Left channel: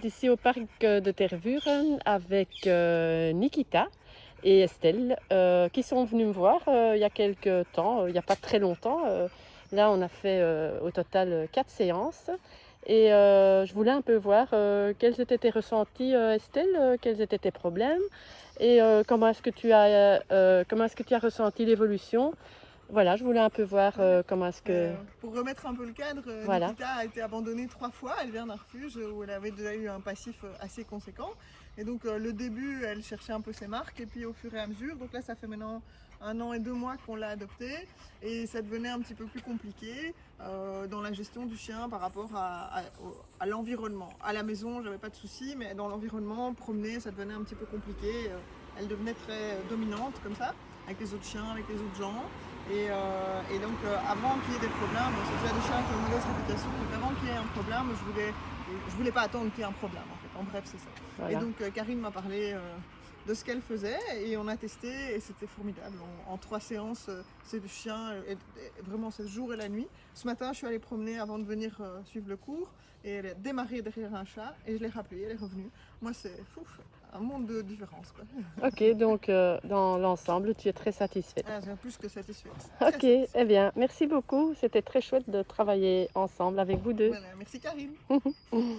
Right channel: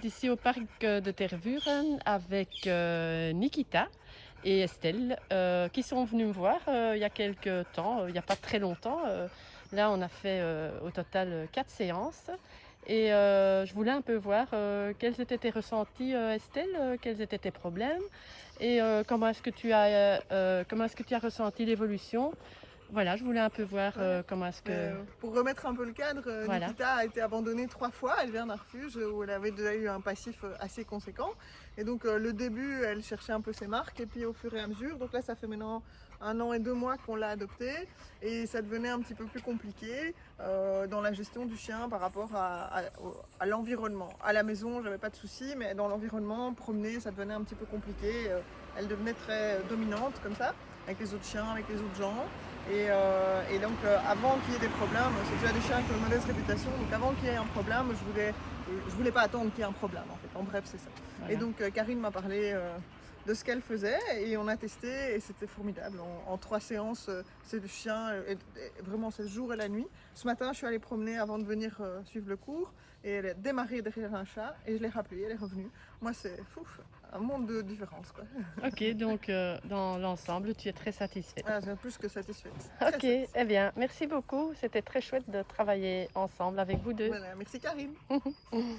est ici au parc de Tervuren avec Nikita et Estelle qui sont venus me voir il y a quelques temps, il n'y a pas très longtemps. Là, on a fait au total 4 séances et je voulais un peu voir quels étaient tes ressentis, Estelle, quels étaient tes problèmes et comment est-ce que tu as ressenti l'évolution. Voilà, je voulais un peu voir Ouais. comment est-ce que... Pour remettre un peu le cadre, Voilà, Nikita a été abandonnée 3 fois. Elle vient d'un refuge où elle avait déjà eu un passif assez conséquent. Et donc le début, elle cherchait un peu ses marques. Et puis au fur et à mesure, donc là ça fait maintenant 1 an et 2 mois qu'on l'a adoptée. Et ça devenait un petit peu plus compliqué dans la gestion du chien par rapport à l'environnement. À la maison, j'avais pas de soucis, mais dans l'environnement, promener, ça devenait un petit peu compliqué. Elle devenait très dominante comme ça, avec les autres chiens, avec les autres gens. Et donc avant qu'il y ait des problèmes, c'est déjà des chiens avec une mauvaise réputation, donc avant qu'il y ait un problème, je voulais pas attendre qu'il y ait un problème en fait, en bref c'est ça. Et voilà. donc Karine m'a parlé de ce qu'elle faisait et on a testé et c'était formidable. En 3 séances, c'est du chien, vraiment c'est le jour et la nuit. Ce matin je suis allée promener avant de venir suivre le cours et elle est démarrée derrière un chat et je l'ai rappelée, elle est revenue. Moi c'est un monde de différence quoi. Ok, donc dans l'ensemble, tu es très satisfaite. Voilà, j'ai plus que satisfaite, très Ok, satisfaite. eh bien, merci beaucoup. C'était très chouette de travailler ensemble avec vous deux. Voilà, merci Karine.